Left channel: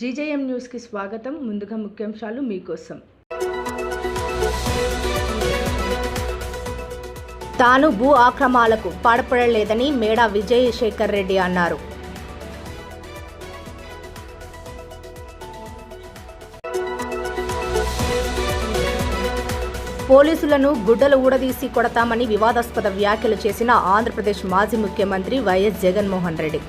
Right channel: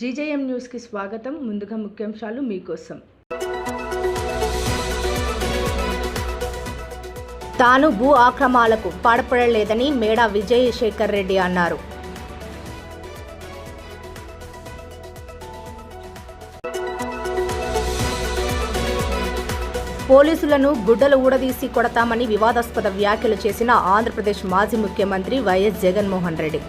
GJM న్యూస్కి స్వాగతం. ముందుగా ముఖ్యాంశాలు మీకోసం. తాను భూ ఆక్రమణలకు పాల్పడలేదని మేడా విజయశేఖర్ రెడ్డి అన్నారు. పోలీసులను గుడ్డలు ఊడదీసి కొడతామని వివాదాస్పద వ్యాఖ్యలు చేసిన ఆంధ్రప్రదేశ్ మాజీ ముఖ్యమంత్రి వైఎస్ జగన్మోహన్ రెడ్డి.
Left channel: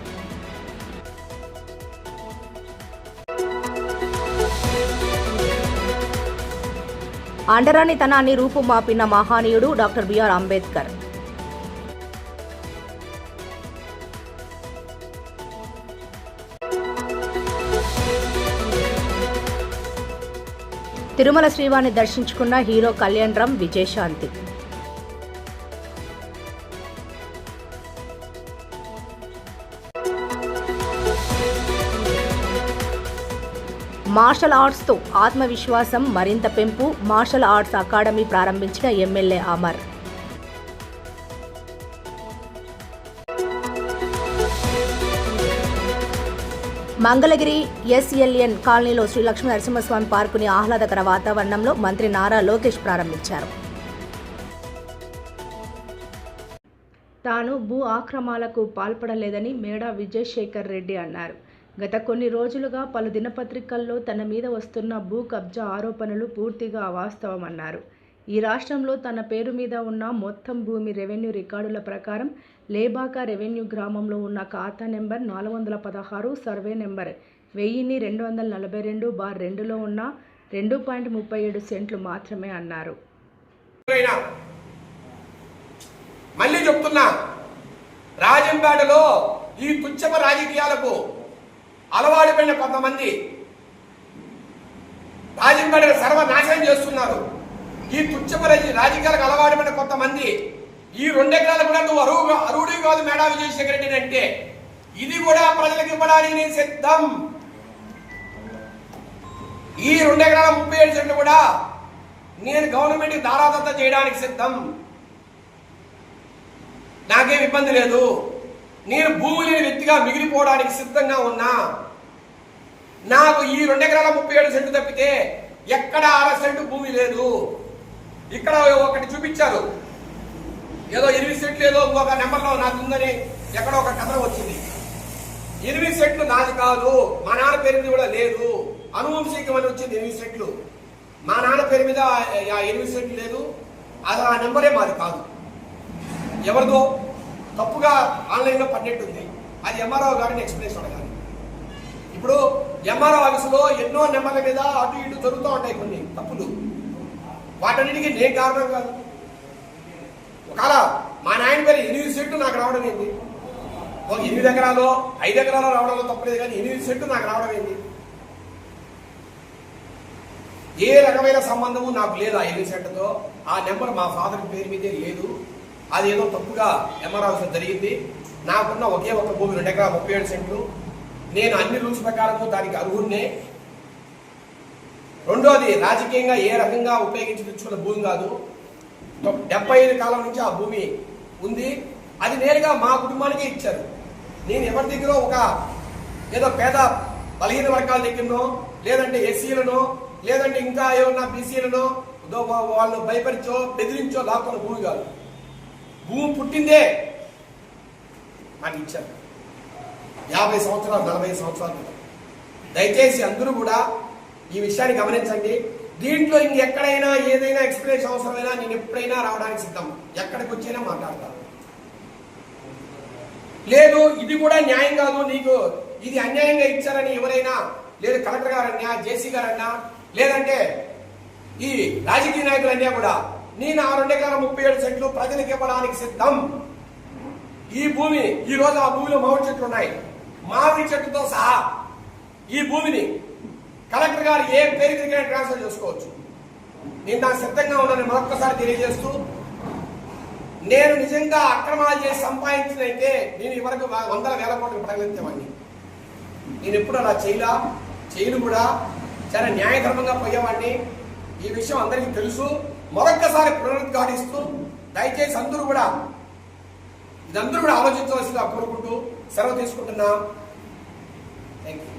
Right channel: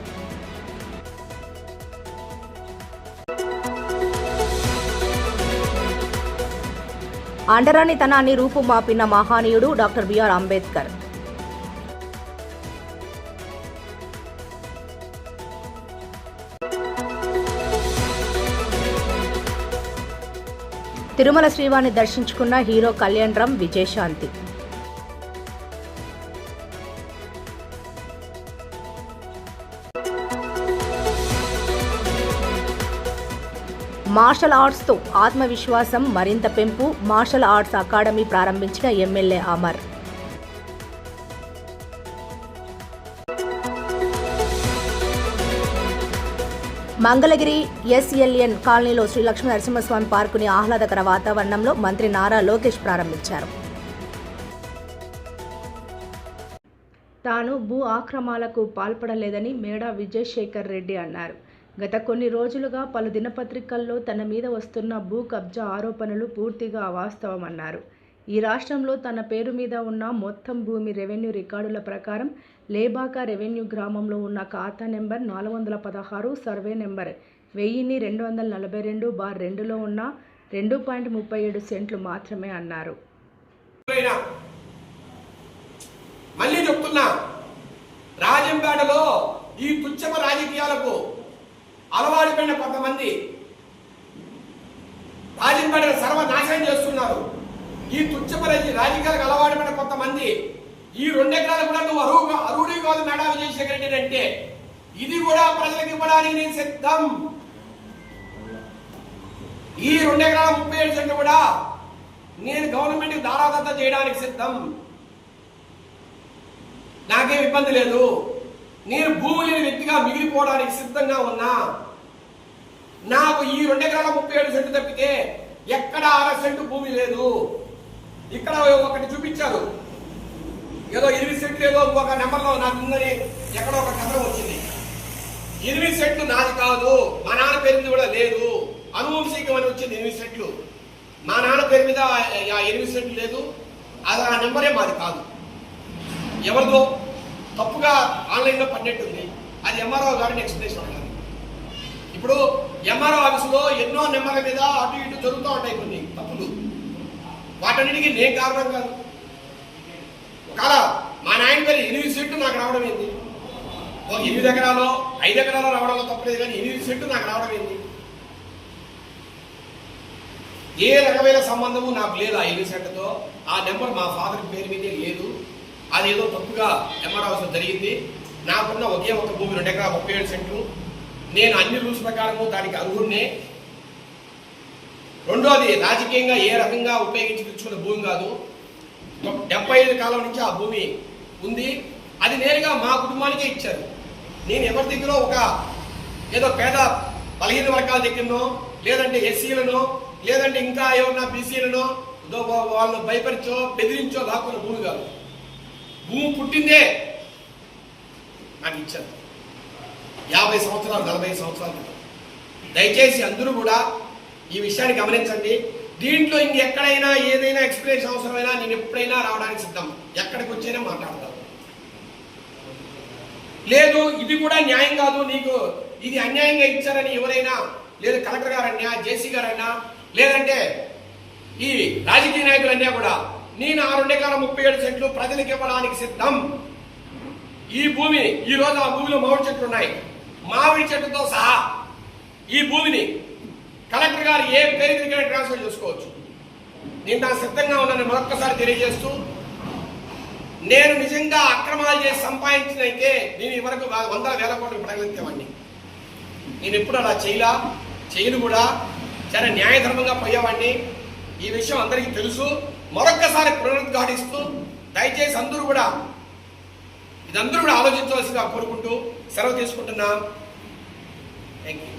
అండరానితనాన్ని రూపుమాపిన మహానీయుడు డాక్టర్ బిఆర్ అంబేద్కర్. తిరుమల శ్రీవారిని దర్శించుకున్న హీరో కళ్యాణ్ రామ్, విజయశాంతి. మార్షల్ ఆర్ట్స్తో ఆత్మవిశ్వాసం మరింత పెంపు. మార్షల్ ఆర్ట్స్ అకాడమీ ప్రారంభించిన ఎమ్మెల్యే అమర్. మంగళగిరి ఎస్ఎల్ఎన్ కాలనీలో శ్రీ లక్ష్మీ నరసింహస్వామి పార్కుని ఆహ్లాదకర వాతావరణంలో మంత్రి నారా లోకేష్ ప్రారంభించారు. తాను భూ ఆక్రమణలకు పాల్పడలేదని మేడా విజయశేఖర్ రెడ్డి అన్నారు. గత కొన్ని రోజులుగా పలు దినపత్రికల్లో తన మీద వస్తున్న భూ కబ్జా ఆరోపణలు పూర్తిగా అవాస్తవమన్నారు. ఈ రాష్ట్రంలో తన పేరు మీద ఉన్న మొత్తం భూమి రెవెన్యూ రికార్డుల ప్రకారం లేబాక రెవెన్యూ గ్రామంలో ఉన్న ఖాతా నెంబర్ 416, సర్వే నెంబర్ 1242/2లో ఉన్న 2.37 సెంట్లు మాత్రమే అన్నారు. మళ్ళీ చెప్తున్నా, రాజంపేటలో ఈ తుచ్చమ రాజకీయాలకు అలవాటు పడిన కొంతమంది రాజంపేటను సర్వనాశనం చేస్తున్నారు. ఈ తుచ్చమ రాజకీయాలకు అలవాటు పడిన కొంతమంది ఈ 2 ఎకరాలు కూడా నువ్వు అరువుడి కాదు మేడా విజయశేఖర్ రెడ్డి అంటే, ఇది కూడా ప్రజలకు ఇవ్వడానికి నేను సిద్ధం. ఈ 2 ఎకరాల 37 సెంట్లు కూడా నేను గవర్నమెంట్కి దారాదత్త చేయడానికి సిద్ధం. నాకేం ఇబ్బంది లేదు. నేను భూమి లేని వ్యక్తిగా మిగిలిపోవడానికి సిద్ధంగా ఉన్నా. నాకు ఈ 2 ఎకరాల 37 సెంట్లు తప్పితే ఎక్కడ 6 సెంటు భూమి లేదు. ఇక్కడ ఒకటి చూపించారు, ఏదో 8 సెంట్లు ఏదో ఒక నెంబర్లో నాకు ఉందని ఎక్కడో ఒక కథనం వచ్చింది. 8 సెంట్లు నాది కాదు, మా నాన్న పేరు మీద కూడా లేదు. అనువంశికం అని వచ్చింది 8 సెంట్లు. మా నాన్న పేరు మీద 8 సెంట్లు లేదు. అది ఆ నెంబరే మాది కాదు. ఎవరిదో తప్పుగా ఆన్లైన్లో పడినట్టుంది. అది ఎంఆర్ఓ గారిని ఎక్స్ప్లెయిన్ అడగాలి. ఇప్పుడు ఎంఆర్ఓ ఆఫీసులో ఎన్నో నెంబర్ల మీద అటు ఇటు జరుగుతూ ఉంటాయి కొన్ని తప్పులు. వాటన్నిటికీ నేను కారణం కాదు. ఒకవేళ మా నాయన పేరు 8 సెంట్లు నాకు రావడం ఏంది? ఒక 8 ఎకరాలు 5 ఎకరాలు రావడంలో తప్పలేదు, కానీ 8 సెంట్లు నాకు రావడం ఏంది? ఏ రకమైన సంబంధము నాకు లేదు ఆ 8 సెంట్లతో. ఆ నెంబర్ మా ఫాదర్ పేరు మీదే లేదు. అది ఏదో తప్పుగా ఎంఆర్ఓ ఆఫీసులో జరిగింది. నాకున్న ఒకే ఒక భూమి 2 ఎకరాల 37 సెంట్లు. నేను అన్ని రూల్స్ ప్రకారము దానికి అర్హున్నే. రెండోది, రాజకీయంగా ఏ రకంగా ఉపయోగించి తెచ్చుకున్న భూమి కాదు. 75 కాలం నుంచి ఆ భూమి ఉంది. అది నేరుగా మా కుటుంబానికే ఇచ్చారు. నేను ఎవరి దగ్గర ఒక ఏదో పేద బలహీన వర్గాల దగ్గరనో, లేదంటే ఎస్సీలనో, లేదంటే ఇంకా ఏమన్నా బీసీలనో వాళ్ళు భయపరిచో బెదిరించో లాక్కున్న భూమి కాదు. భూమి పుట్టిందే నాకు ఇచ్చారు 50 సంవత్సరాలు 40 సంవత్సరాలు. దయచేసి అందరూ కూడా ఈ విషయాన్ని గమనించండి. దీంట్లో ఇంకెక్కడైనా ఏదైనా ఎక్స్ప్లెనేషన్ అవసరమైనా నేను ఎప్పుడైనా రావడానికి సిద్ధం. ఎక్కడికి వచ్చినా మాట్లాడతాను. లేదు ఇది కూడా న్యాయం కాదు, నీకు ఇది అన్యాయంగా ఇచ్చారని ఎవరైనా, లేదు కలెక్టర్ గారన్నా, జేసీ గారన్నా, లేదంటే ఈ రాజకీయ నాయకులన్నా కూడా నేను ఆ 2 ఎకరాల 37 సెంట్లు ప్రజలకు ఇవ్వడానికి సిద్ధం. ఈ భూమి ఈ రోజు ఆ భూమిలో మామిడి చెట్లు ఉన్నాయి. మామిడి చెట్టుతో సహా ఈ భూమిని కలెక్టర్ గారు ఏ పేరు దగ్గర ట్రాన్స్ఫర్ చేసుకోవచ్చు. నేను దానికి సిద్ధంగా ఉన్నాను మరొక్కసారి తెలియజేస్తూ, నేను నిజంగా అక్రమాలు చేసి సంపాదించినైతే నేను ఇవరకు 100,000 కోట్లు పడగలిగేవాడిని. నేను ఎప్పుడు అలా చేయను కూడా. చాలా న్యాయధర్మంగా పోయేవాడిని. ఈ విషయం అందరికీ తెలుసు. మరొక్కసారి పునరుద్ఘాటిస్తూ దయచేసి అందరూ కూడా ఇదందరూ కూడా ఆలోచించవలసిందిగా కోరుకుంటూ సెలవు తీసుకుంటున్నా. Thank you.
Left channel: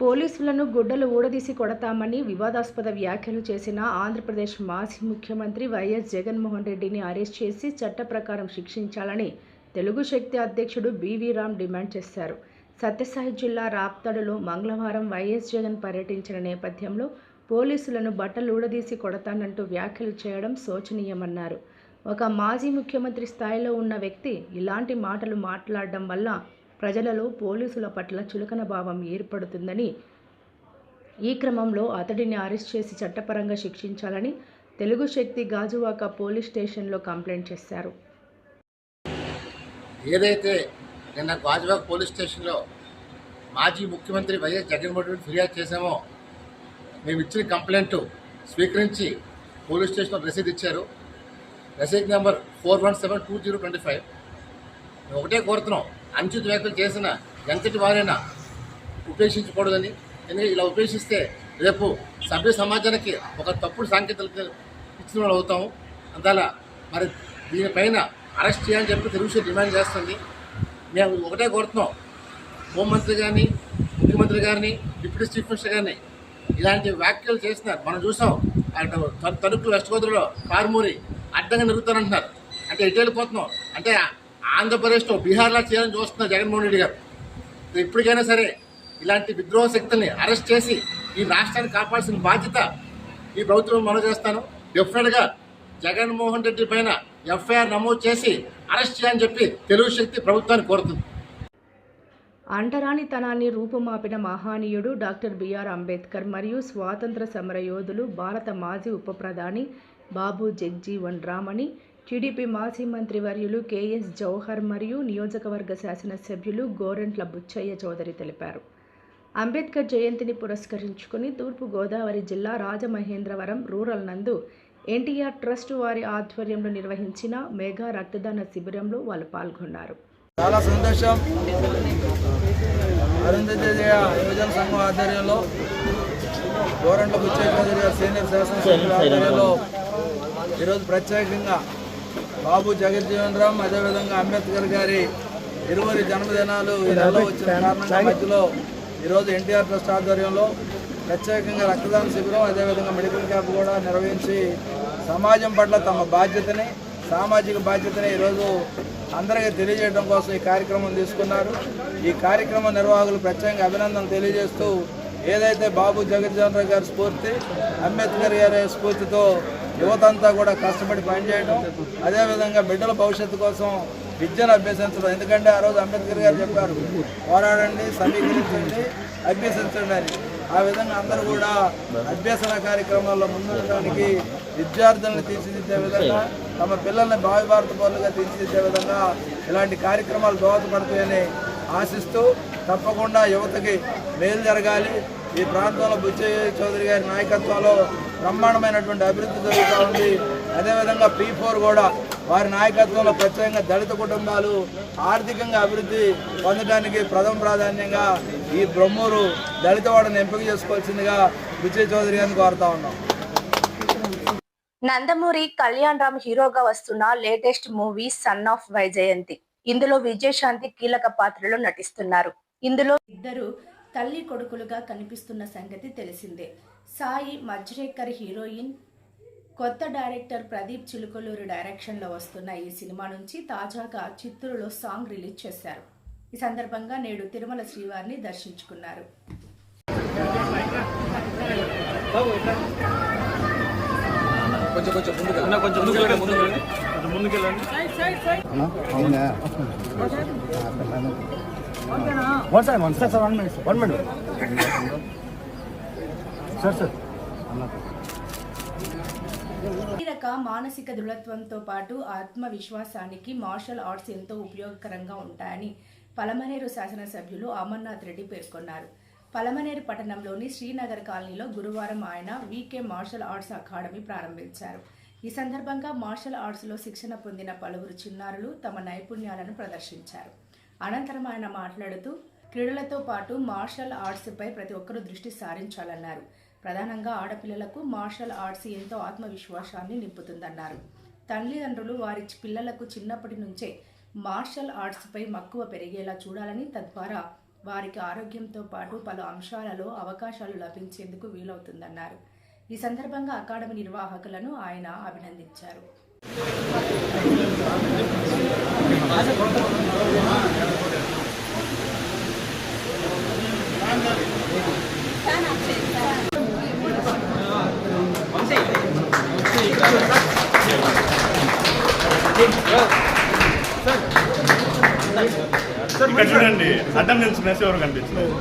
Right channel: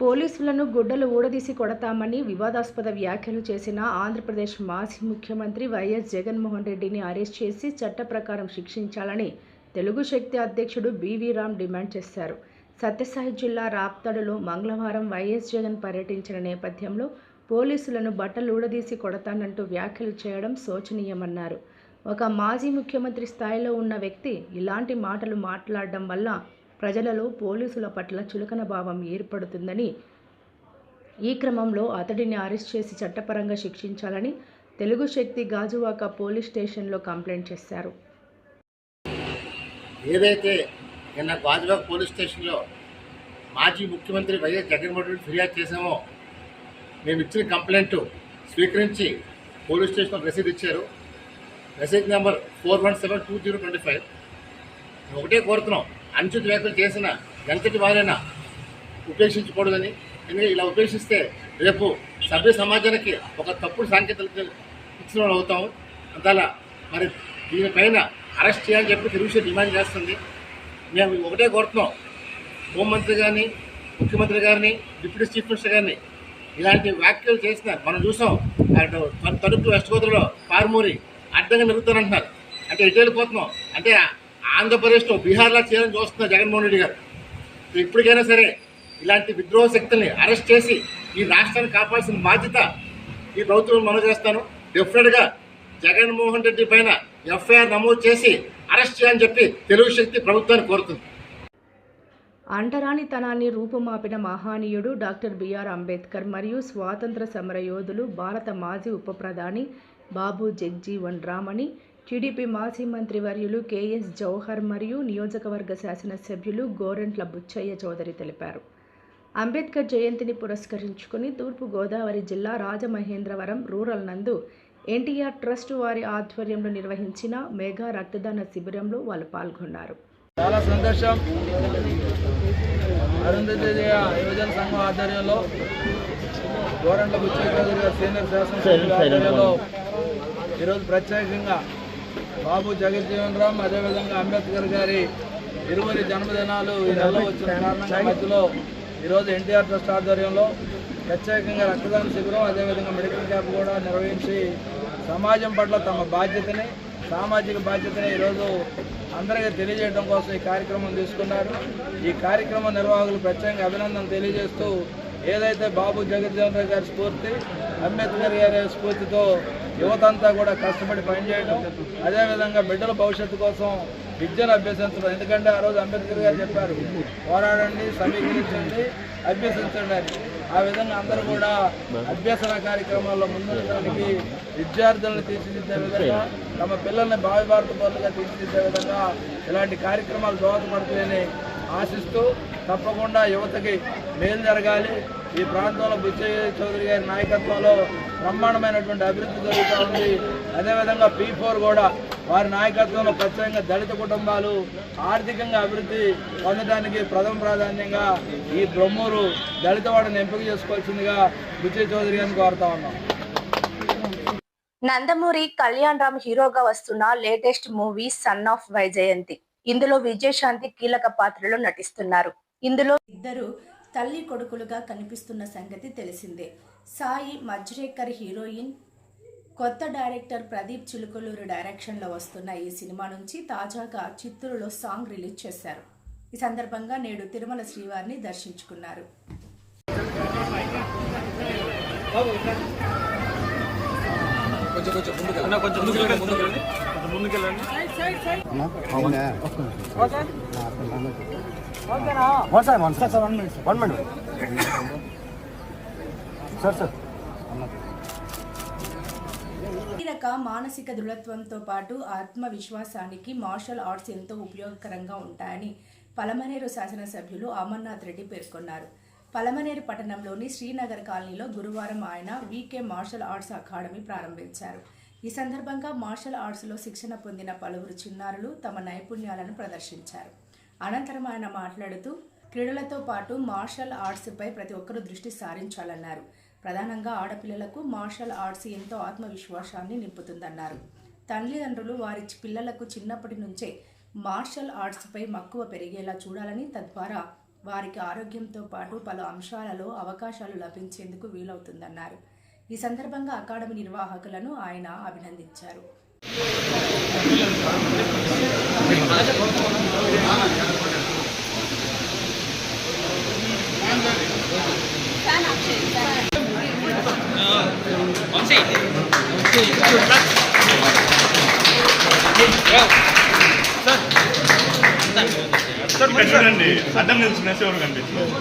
పోలీసులను గుడ్డలు ఊడదీసి కొడతామని వివాదాస్పద వ్యాఖ్యలు చేసిన ఆంధ్రప్రదేశ్ మాజీ ముఖ్యమంత్రి వైఎస్ జగన్మోహన్ రెడ్డిని అరెస్ట్ చేసి చట్ట ప్రకారం శిక్షించాలని తెలుగు శక్తి అధ్యక్షుడు బివి రామ్ డిమాండ్ చేశారు. సత్యసాయి జిల్లా రాప్తాడులో మంగళవారం వైఎస్ జగన్ పర్యటించిన నేపథ్యంలో పోలీసులను బట్టలు ఊడదీసి కొడతానంటూ వ్యాఖ్యలు చేయడం శోచనీయమన్నారు. ఒక మాజీ ముఖ్యమంత్రి స్థాయిలో ఉన్న వ్యక్తి ఇలాంటి మాటలు మాట్లాడడం వల్ల ప్రజలలో పోలీసుల పట్ల చులకన భావం ఏర్పడుతుందని, ఈ క్రమంలో అతడిని అరెస్ట్ చేసి చట్టపరంగా శిక్షించాలని తెలుగు శక్తి గాజువాక పోలీస్ స్టేషన్లో కంప్లైంట్ చేశారు. ఏదైతే నిన్న గాజువాక పోలీస్ స్టేషన్లో మాజీ ముఖ్యమంత్రి వైఎస్ జగన్మోహన్ రెడ్డి ఫిర్యాదు చేశామో, మేము ఇచ్చిన కంప్లైంట్ స్వీకరించి పోలీస్ స్టేషన్లో రసీదు ఇచ్చారు. రసీదు నెంబర్ 4172/2025. మేము ఒకటే కోరుతున్నాం, అనుచిత వ్యాఖ్యలు చేసిన ఎంతటి వారైనా ఉపేక్షించకూడదని. ఎందుకంటే ఇలా ఉపేక్షిస్తే రేపు సభ్య సమాజానికి ఒక తప్పుడు సాంకేతికలు ఇచ్చిన వాళ్ళు అవుతాము. అందువల్ల మరి దీనిపైన అరెస్ట్ చేయాలని చెప్పి తెలుగు డిమాండ్ చేస్తుంది. మేము ఒకటే కోరుతున్నాం, హోంమంత్రి గారిని, ముఖ్యమంత్రి గారిని, డిప్యూటీ చీఫ్ మినిస్టర్ గారిని ఇలాంటి వ్యాఖ్యలు చేస్తున్నారు. మనం చూసాం, తణుకు వెస్ట్ గోదావరిలో కారుమూరి అడ్డంగా నిరుగుతానంటున్నారు. అంటే ఎటు వెళ్ళిపోతున్నాం అంటే ఆంధ్రప్రదేశ్లో బీహార్లా చేయాలని చూస్తున్నారు జగన్మోహన్ రెడ్డి గారు. ఇప్పటికైనా సరే ఇలాంటి విద్రోహ శక్తుల్ని అరెస్ట్ చేసి ఈ రాష్ట్రాన్ని కాపాడాల్సిన బాధ్యత ఈ ప్రభుత్వం మనం చేస్తాను. డెఫినెట్గా జగన్మోహన్ రెడ్డి పైన ఎఫ్ఐఆర్ నమోదు చేసి అరెస్ట్ చేయాలని చెప్పి తెలుగు శక్తి ప్రభుత్వాన్ని కోరుతుంది. అంటరానితనాన్ని రూపుమాపిన మహానీయుడు డాక్టర్ బిఆర్ అంబేద్కర్ మరియు స్వాతంత్ర సమర యోధులు, భారత మాజీ ఉప ప్రధాని బాబు జగ్జీవన్ రామ్ అని టీడీపీ మాజీ మంత్రివర్యులు కేఎస్ జవహర్ మరియు నియోజకవర్గ శాసనసభ్యులు గోరంట్ల బుచ్చయ్య చౌదరి తెలిపారు. అంబేద్కర్ జయంతిని పురస్కరించుకుని తూర్పుగోదావరి జిల్లా రాజమహేంద్రవరం రూరల్ నందు ఎన్టీఆర్ ట్రస్ట్ వారి ఆధ్వర్యంలో నిర్వహించిన మెగా రక్తదాన శిబిరంలో వాళ్ళు పాల్గొన్నారు. చాలా సంతోషం. అరుంధతీయ యువజన సంఘం ఆధ్వర్యంలో గోరంట్ల బుచ్చయ్య చౌదరి గారు సీనియర్ శాసనసభ్యుల ఆధ్వర్యంలో ఈరోజు ప్రత్యేకంగా బాబు జగజ్జీవన్ రామ్, అదేవిధంగా అంబేద్కర్ గారి ఇరువురి జన్మదినాలు ఈ నెలలో వచ్చిన కారణంగా మధ్యలో ఈరోజు ఎన్టీఆర్ ట్రస్ట్ ఆధ్వర్యంలో ప్రత్యేకంగా రక్తదాన శిబిరం, అదేవిధంగా మెడికల్ క్యాంప్ కూడా నిర్వహించి సమాజం పట్ల తమ బాధ్యతని, సామాజిక బాధ్యతని ఈరోజు అందరికీ తెలియజేయడం కోసం ఈ కార్యక్రమం తీసుకున్నారు. ఈ కార్యక్రమ నిర్వాహకులు ప్రత్యేకంగా అభినందనలు తెలియజేస్తూ, ఏదైతే బాబు జగజ్జీవన్ రామ్ గారి స్ఫూర్తి, అంబేద్కర్ గారి స్ఫూర్తితో యువతంతా కూడా కష్టపడి పనిచేయడం, అదేవిధంగా బిడ్డల భవిష్యత్తు కోసం విద్యను అభ్యసించడం. ఎందుకంటే ఆ రోజు అంబేద్కర్ గారు చెప్పారు, పోరాడండి, సమీకరించండి, అభ్యసించండి అని. ఆ విధంగా అందరూ కూడా అభ్యసన కార్యక్రమాల్లో ముందుండడానికి, విద్యార్థులను తీర్చిదిద్దే విధంగా, తమ పిల్లల్ని భావి భారత పౌరులుగా తీర్చిదిద్దే విధంగా ఇలాంటి కార్యక్రమాలు దోహదపడతాయని ఆశిస్తూ, తప్పకుండా యువతకి మేలు జరగాలి. ఈ ప్రాంతంలో బుచ్చయ్య చౌదరి గారి నాయకత్వంలో బ్రహ్మాండమైనటువంటి అభివృద్ధి జరుగుతూ ఉంది. అదేవిధంగా P4 కూడా వారి నాయకత్వంలో ప్రత్యేకంగా దళిత కుటుంబాలు ఆర్థికంగా అభివృద్ధి పొందడానికి ప్రథమ ప్రాధాన్యంగా ఈ బ్రహ్మూరు దళితవాడని ఎంపిక చేసుకోవాల్సిందిగా బుచ్చయ్య చౌదరి గారిని కోరుతా ఉన్నాం. నందమూరి కళ్యాణ్ రామ్ హీరోగా వస్తున్న latest movie son of Vyjayanthi. ఇందులో విజయశాంతి కీలక పాత్రలో నటిస్తున్నారు. ఇందులో ఇద్దరు తల్లి కొడుకులుగా కనిపిస్తున్న సంగతి తెలిసిందే. సాయి మజ్రేకర్ హీరోయిన్, కొత్త డైరెక్టర్ ప్రదీప్ చిలుకలూరు డైరెక్షన్లో వస్తున్న ఈ సినిమా నుంచి తాజాగా చిత్తూరులో సాంగ్ రిలీజ్ చేశారు. ఈ సందర్భంగా నేడు తిరుమల శ్రీవారిని దర్శించుకున్నారు. శారీరక మానసిక దృఢత్వంతో పాటు ఆత్మవిశ్వాసానికి మార్షల్ ఆర్ట్స్ ఎంతో ఉపయోగకరంగా ఉంటాయని పలమనేరు శాసనసభ్యులు అమర్నాథ్ రెడ్డి పేర్కొన్నారు. పలమనేరు పట్టణంలోని శ్రీనగర్ కాలనీలో గురువారం ఆయన వీకే మార్షల్ ఆర్ట్స్ అకాడమీ ప్రారంభించారు. ఈ సందర్భంగా మార్షల్ ఆర్ట్స్లో శిక్షణ పొందిన పలువురు చిన్నారులు తమ నైపుణ్యాలను ప్రదర్శించారు. అనంతరం ఆయన మాట్లాడుతూ, క్రీడలతో పాటు మార్షల్ ఆర్ట్స్పై ప్రతి ఒక్కరూ దృష్టి సారించాలన్నారు. ప్రధానంగా ఆడపిల్లలకు మార్షల్ ఆర్ట్స్ ఎంతో ఆత్మవిశ్వాసాన్ని నింపుతుందన్నారు. తల్లిదండ్రులు వారి పిల్లలకు చిన్నప్పటి నుంచే మార్షల్ ఆర్ట్స్పై మక్కువ పెరిగేలా చూడాలని, తద్వారా వారికి ఆరోగ్యంతో పాటు పలు అంశాలలో అవకాశాలు లభించేందుకు వీలవుతుందన్నారు. ఈ సందర్భంగా అకాడమీ నిర్వాహకులను ఆయన అభినందించారు. ఇక్కడ చూడండి, అడ్డం నిల్చునేసి ఎవరు కనిపించలేదు.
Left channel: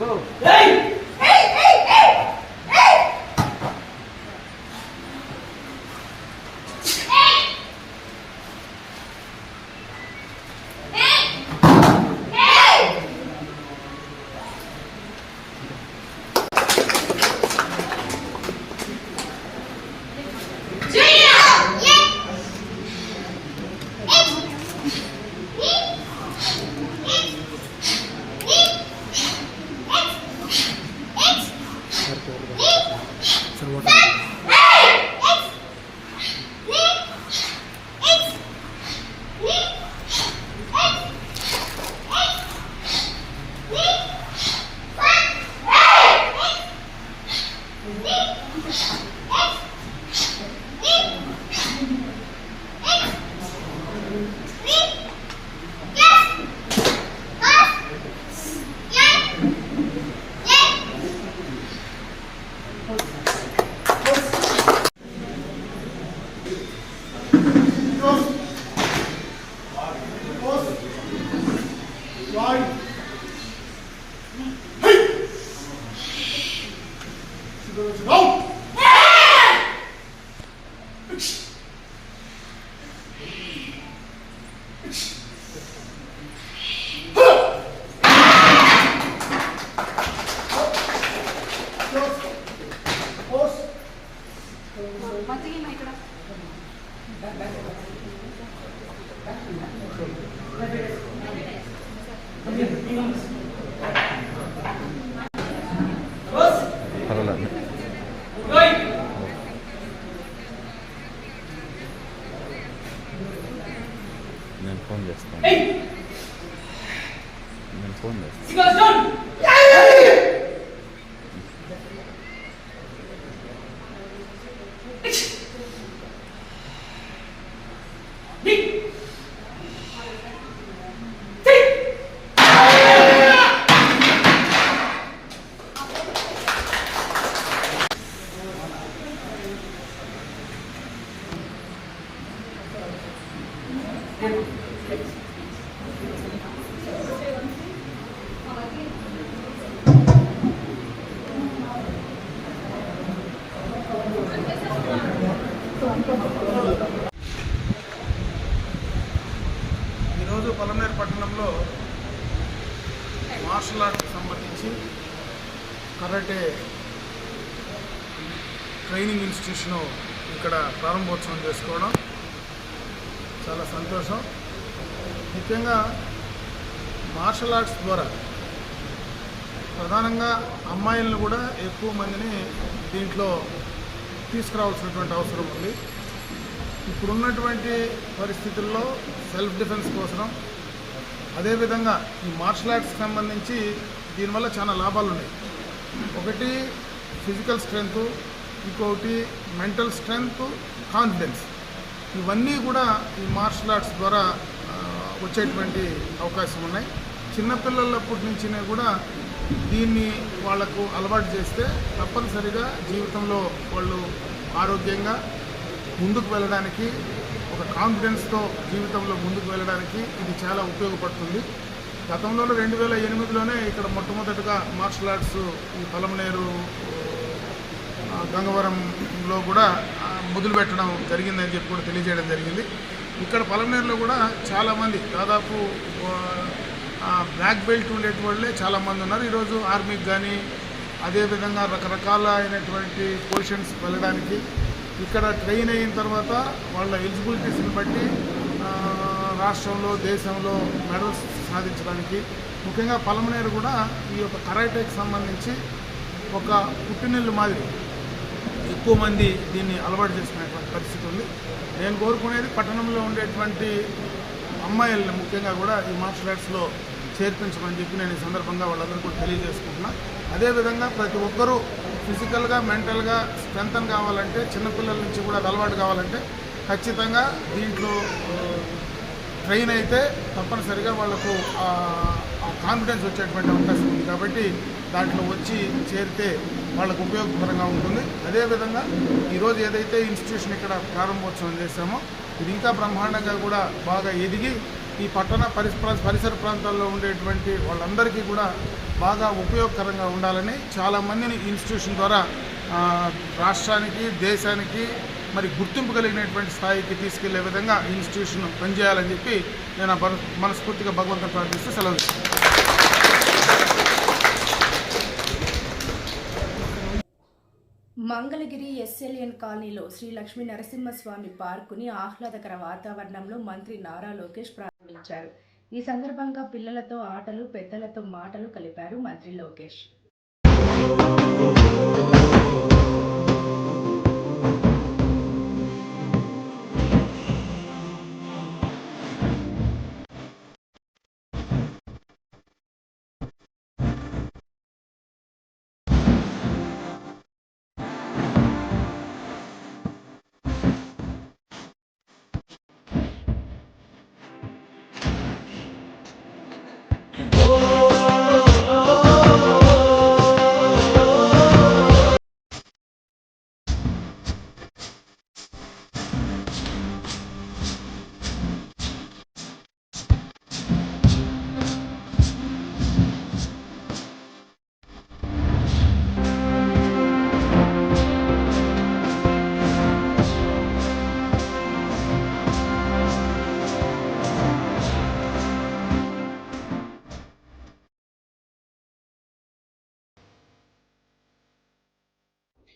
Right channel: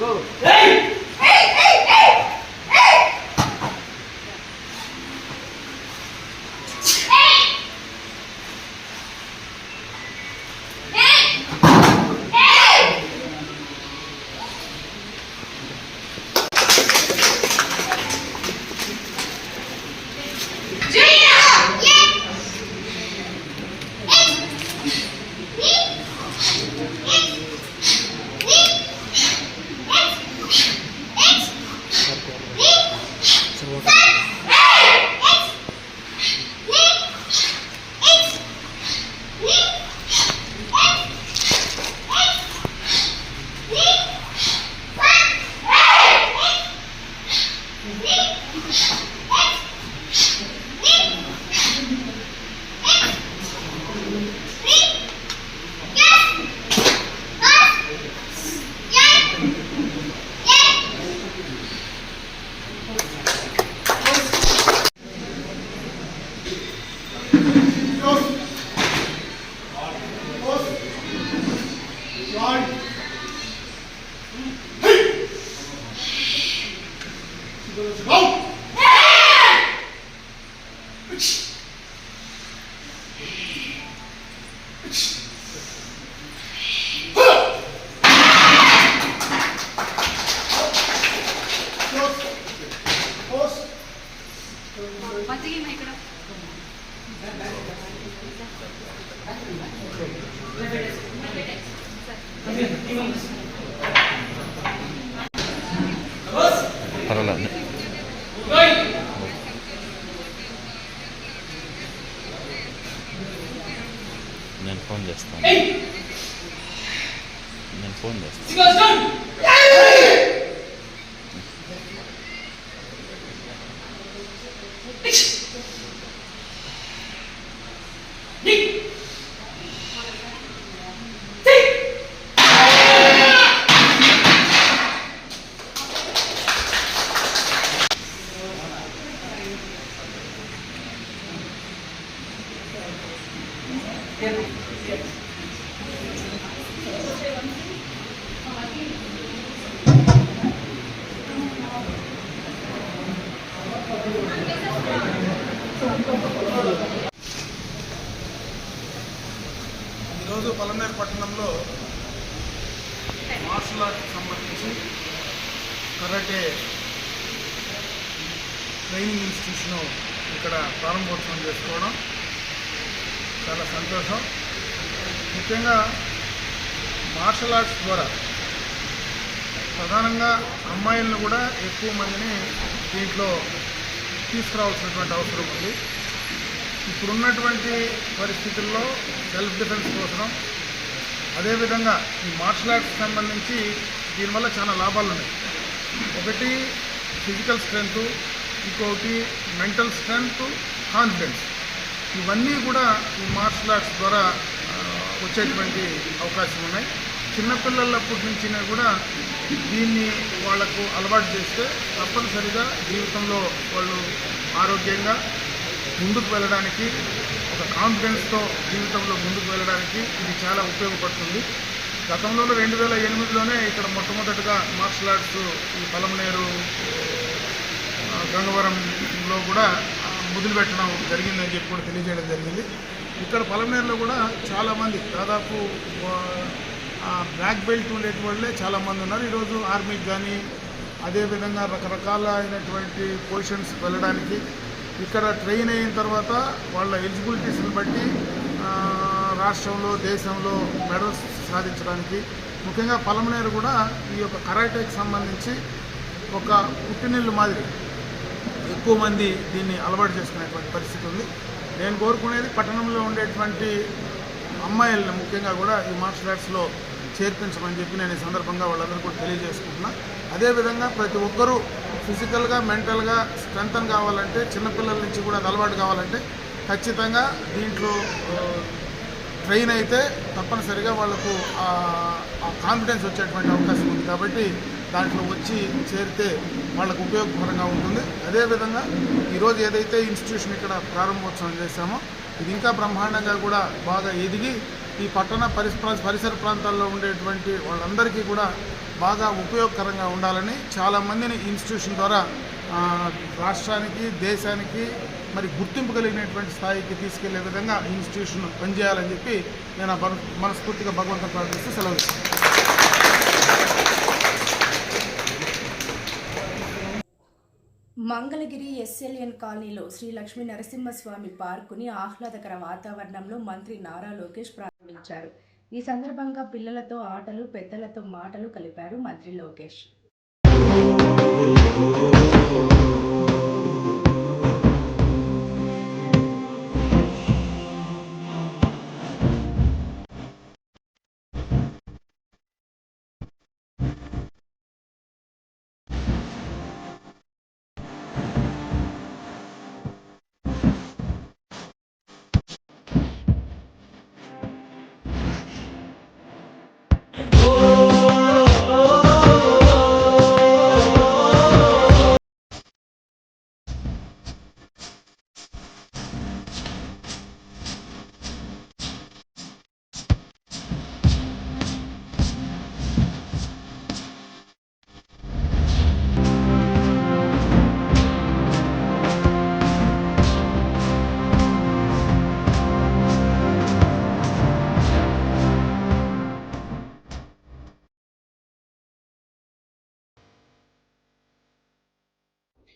పర్వాలేదు. నేను ఫోన్ చేస్తాను. ఈరోజు పలమనేరు పట్టణంలో మార్షల్ ఆర్ట్కి సంబంధించి కరాటే ట్రైనింగ్ ఇన్స్టిట్యూషన్ ఇక్కడ ప్రారంభోత్సవం చేసుకోవడం చాలా సంతోషం. ముఖ్యంగా మార్షల్ ఆర్ట్స్ ద్వారా ప్రధానంగా అమ్మాయిలను కూడా ఎక్కువ మందిని దీంట్లో తీసుకురావాల్సినటువంటి అవసరం ఉంది. ఇప్పుడున్నటువంటి పరిస్థితుల్లో సెల్ఫ్ డిఫెన్స్ కోసం, అదేవిధంగా ఈ మార్షల్ ఆర్ట్స్కి సంబంధించి దీనివల్ల చాలా లాభాలు ఉన్నాయి. ఒకటి ఫిజికల్ స్ట్రెంగ్త్, ఇంకొకటి మెంటల్ స్ట్రెంగ్త్, కాన్ఫిడెన్స్, ఇవన్నీ కూడా ఈ మార్షల్ ఆర్ట్స్ ద్వారా వచ్చేటువంటి అవకాశం ఉన్నాయి. చిన్నపిల్లలప్పటి నుంచి కూడా దీన్ని వాళ్లకు అలవాటు చేస్తే తప్పనిసరిగా జీవితంలో వాళ్ళు ఆరోగ్యంగా ముందుకు వెళ్ళడానికి, ఒక కాన్ఫిడెన్స్తో జీవితంలో ముందుకు వెళ్ళడానికి ఇది చాలా ఉపయోగపడుతుంది. గతంలో 2008లోనే ఇక్కడ మొట్టమొదటిగా మార్షల్ ఆర్ట్స్ ఈ పలమనేరు గంగవరంలో కూడా మొదలుపెట్టడం జరిగిందని చెప్పి కూడా తెలియజేయడం జరిగింది. ఇక్కడ పలమనేరులో కూడా చాలామంది, దాదాపు బ్లాక్ బెల్ట్ ఉండేటి చాలామంది ఉన్నారు. ఈరోజు ఆర్మీకి కానీ అదేవిధంగా రకరకాల అయినటువంటి పొజిషన్స్ వెళ్ళడానికి, ఇక్కడ ట్రైన్ అయిన తర్వాత వాళ్ళ ఎలిజిబిలిటీస్ని బట్టి రాష్ట్రంలో, దేశంలో మెడల్స్ సాధించడానికి, ముఖ్యంగా పలమనేరు కూడా ఈ యొక్క కరాటేకి సంబంధించి ఒక పుట్టినిల్లు మాదిరి ఎక్కువ మంది దీన్ని అలవాటు చేసుకునేటువంటి పరిస్థితి ఉంది. నేను కోరుకునేది పట్టణంలో ఉండేటువంటి అమ్మాయిలను ముఖ్యంగా కూడా ఈ మార్షల్ ఆర్ట్స్లో చేర్పించమని చెప్పి నేను ఈ సందర్భంగా వాళ్ళందరూ కూడా తెలియజేసుకుంటున్నా. అదేవిధంగా ప్రతి ఒక్కరూ ఫిజికల్గా, మెంటల్గా స్ట్రెంగ్తన్ కావాలంటే, చిన్నపిల్లల నుంచి కూడా అది అలవాటు కావాలంటే ఖచ్చితంగా దీంట్లో ట్రైన్ అయితే తప్పనిసరిగా వాళ్లకు ఆ కాన్ఫిడెన్స్ వచ్చేటువంటి అవకాశం ఉంది. కాబట్టి దాంట్లో వచ్చి చేరితే వాళ్ళకు ఉపయోగకరంగా ఉంటుంది. అదేవిధంగా ఈరోజు ఏదైతే ఇన్స్టిట్యూషన్ ఇక్కడ ప్రారంభోత్సవం చేశామో ఇది ఇంకా బ్రహ్మాండంగా కూడా బాగా ఎదిగి ఈ పట్టణ పరిసర ప్రాంతాల్లో ఉండేటువంటి వాళ్ళందరికీ కూడా బాగా ఉపయోగకరంగా ఉండాలని చాలామందిని ఇన్స్టిట్యూషన్ ద్వారా రాష్ట్రానికి దేశానికి మరి గుర్తింపు కలిగినటువంటి స్థాయికి తీసుకెళ్లే విధంగా ఇన్స్టిట్యూషన్ పనిచేయాలని చెప్పి నేను మనస్ఫూర్తిగా భగవంతుని ప్రార్థిస్తూ సెలవు ఇస్తాను. మంగళగిరి ఎస్ఎల్ఎన్ కాలనీలో శ్రీ లక్ష్మీ నరసింహస్వామి పార్కుని ఆహ్లాదకర వాతావరణంలో మంత్రి నారా లోకేష్ ప్రారంభించారు. ఈ సందర్భంగా పిల్లలతో ఆటలు, పెద్దలతో మాటలు కలిపారు మంత్రి లోకేష్.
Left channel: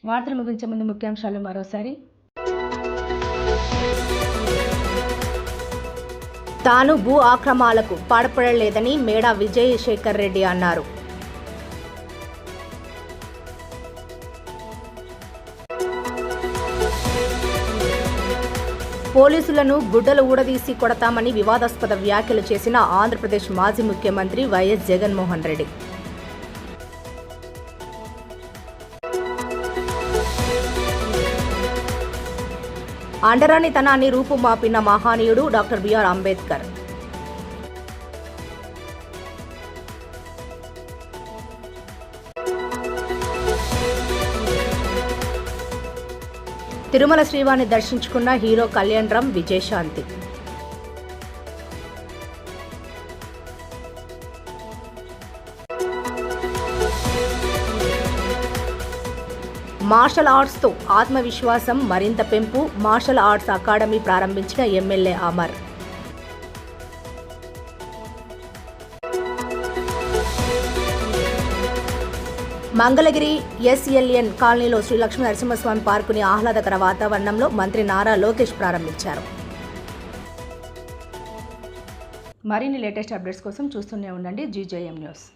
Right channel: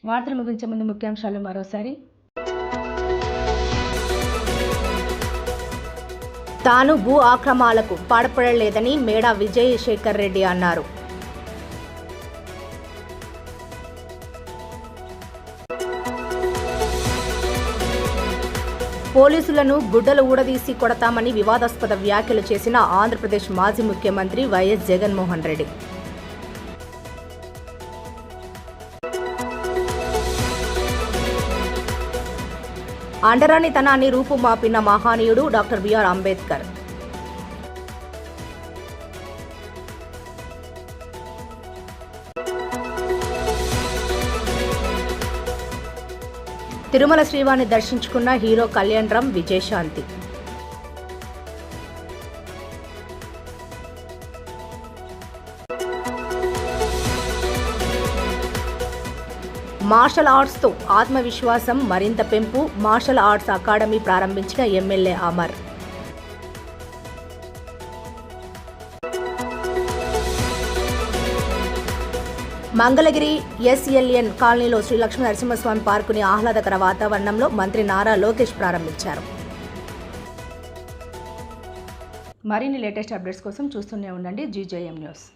వార్తలు ముగించే ముందు ముఖ్యాంశాలు మరోసారి. తాను భూ ఆక్రమణలకు పాల్పడలేదని మేడా విజయశేఖర్ రెడ్డి అన్నారు. పోలీసులను గుడ్డలు ఊడదీసి కొడతామని వివాదాస్పద వ్యాఖ్యలు చేసిన ఆంధ్రప్రదేశ్ మాజీ ముఖ్యమంత్రి వైఎస్ జగన్మోహన్ రెడ్డి. అండరానితనాన్ని రూపుమాపిన మహానీయుడు డాక్టర్ బిఆర్ అంబేద్కర్. తిరుమల శ్రీవారిని దర్శించుకున్న హీరో కళ్యాణ్ రామ్, విజయశాంతి. మార్షల్ ఆర్ట్స్తో ఆత్మవిశ్వాసం మరింత పెంపు. మార్షల్ ఆర్ట్స్ అకాడమీ ప్రారంభించిన ఎమ్మెల్యే అమర్. మంగళగిరి ఎస్ఎల్ఎన్ కాలనీలో శ్రీ లక్ష్మీ నరసింహస్వామి పార్కుని ఆహ్లాదకర వాతావరణంలో మంత్రి నారా లోకేష్ ప్రారంభించారు. మరిన్ని లేటెస్ట్ అప్డేట్స్ కోసం చూస్తూనే ఉండండి GJM న్యూస్.